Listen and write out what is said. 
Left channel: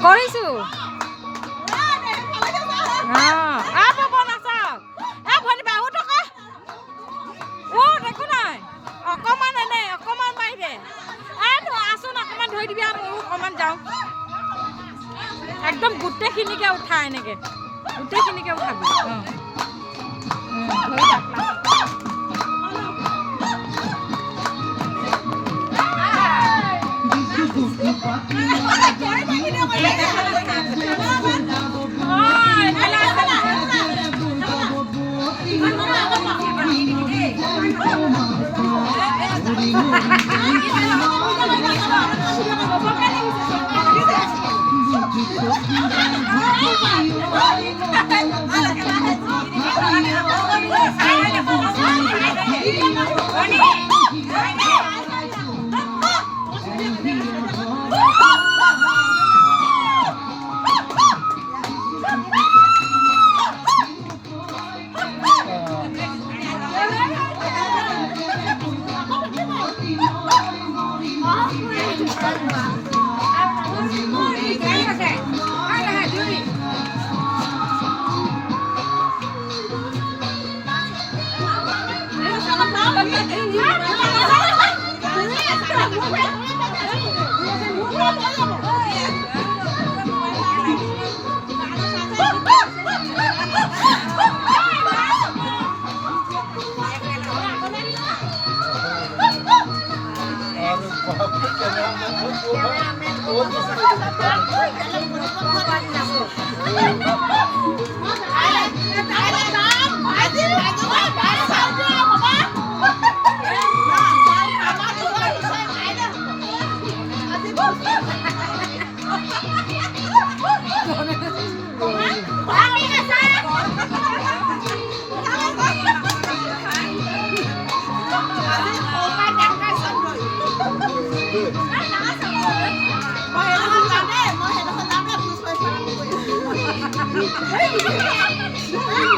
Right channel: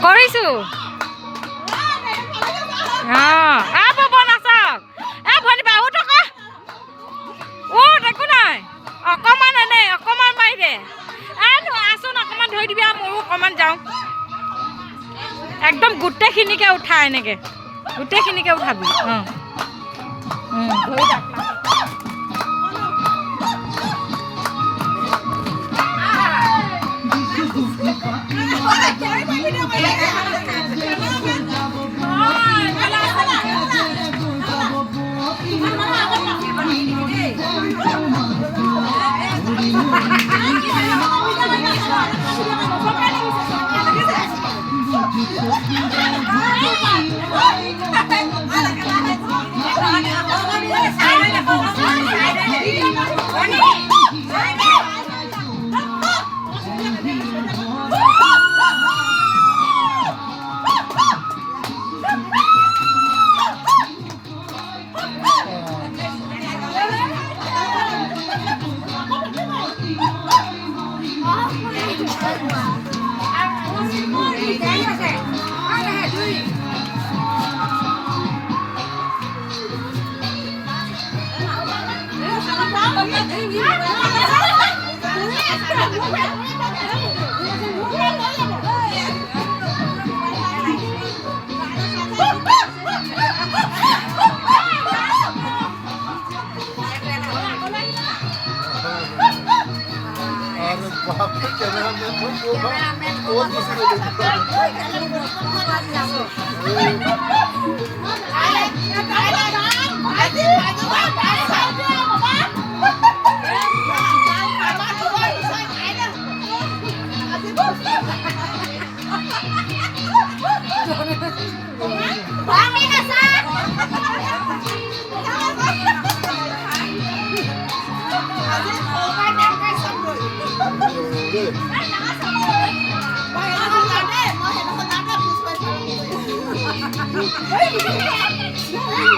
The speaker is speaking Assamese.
কৰিছো ভৱন আছক ভনী বাবু টকা একো নাই অকণমান এনে অকণমান মাৰি দে আছোন অকণমান ধৰি দিবি আৰু ময়ো অকণমান যাওঁ একদম গোটেইখিনিকে উঠা এনেকৈ গোটেইখিনিকে উঠাবি Hey!